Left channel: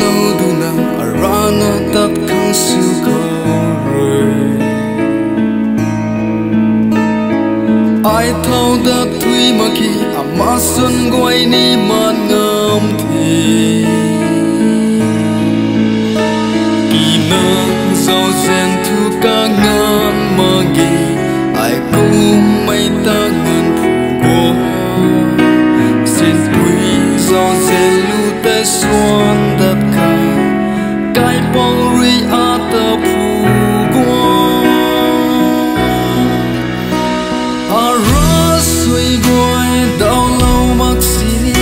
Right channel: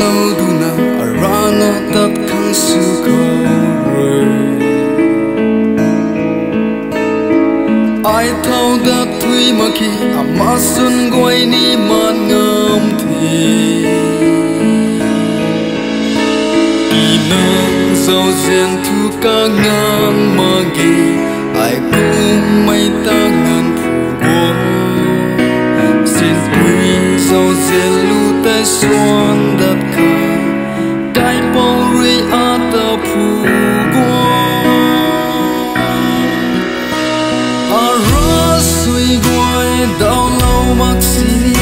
lâu du na arana tat khang su ko rồi ai thâu đã thui mà khi ama sun goi ni man ngam thi kỳ nang giàu zen thu ca ngan mà gi ai cũng mấy ta ngan phù go xin quý giàu zen lu tay xuân đất kha cái bao ri a ta phù go suy gọi đau lâu mắc xì li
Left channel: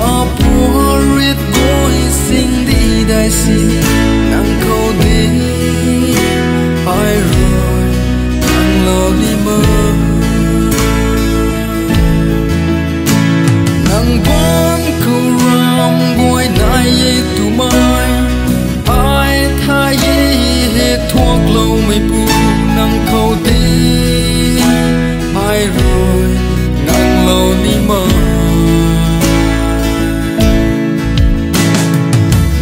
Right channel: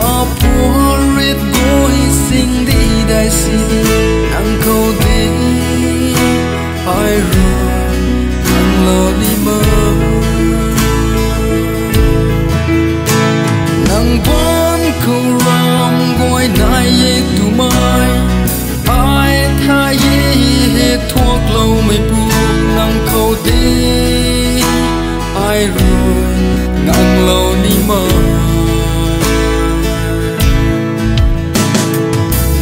a pua riết gối sinh đi đại xì li nàng câu đi ai rồi nàng lo đi mơ nàng vẫn câu ram gọi nai ye tu mai ai thay ye hết thuốc lâu mây pu nàng câu đi ai rồi ngang lâu ni mơ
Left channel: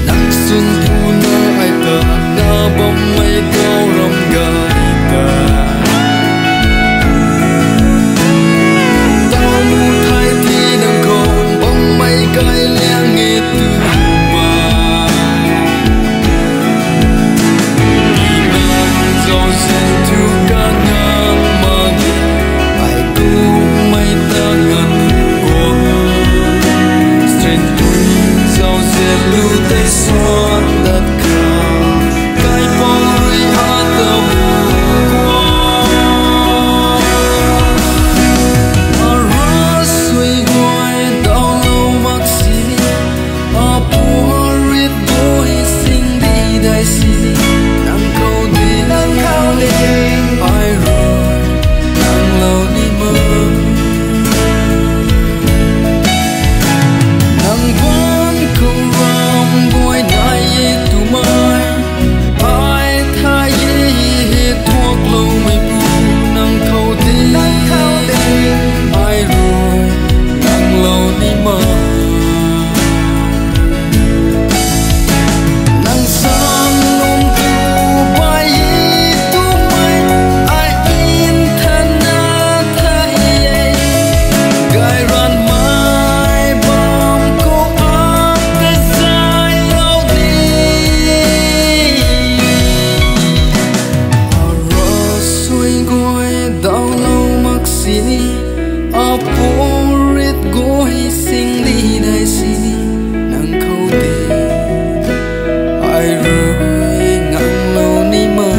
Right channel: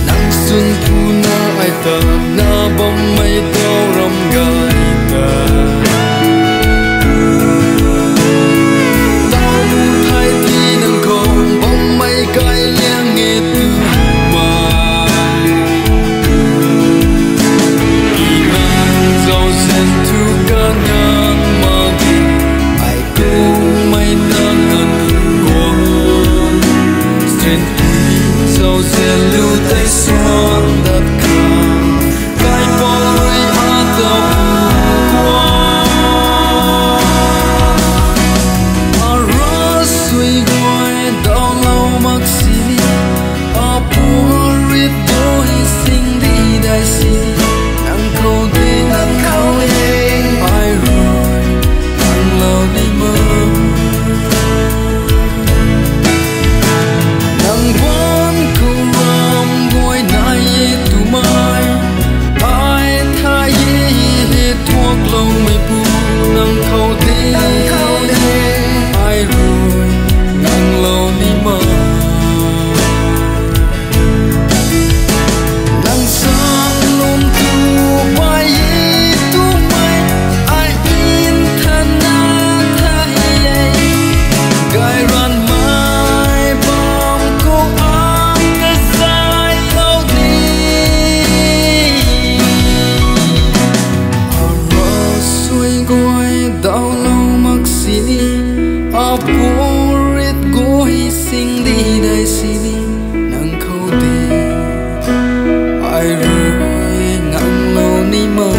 nắng xuân thu na ai ta na bom mây đau râm gai ta tao mu thay thi nắng không bom mây gai leng nghe từ mai đi ngang giàu sen thu ca ngang mà ai cũng mây ta ngân của trên tuổi giàu dệt lưu tay xoan đất khang cái bóng a tàu qua ara suy gọi đau lâu mắc xì li a pua riết đôi sinh đi đại xì li nàng khâu đi ai rồi nàng lâu đi mơ nàng vẫn câu ram gọi nai ye tu mai ai thay ye hết thuốc lâu mây pu nàng khâu đi ai rồi nàng lâu đi mơ nàng sang nôm tu bay ye tu mai ai in thân na thay ye gai ran đau lâu mắc xì ni a pua riết gối sinh đi đại xì ni nàng khâu đi ai rồi ngang lâu ni mơ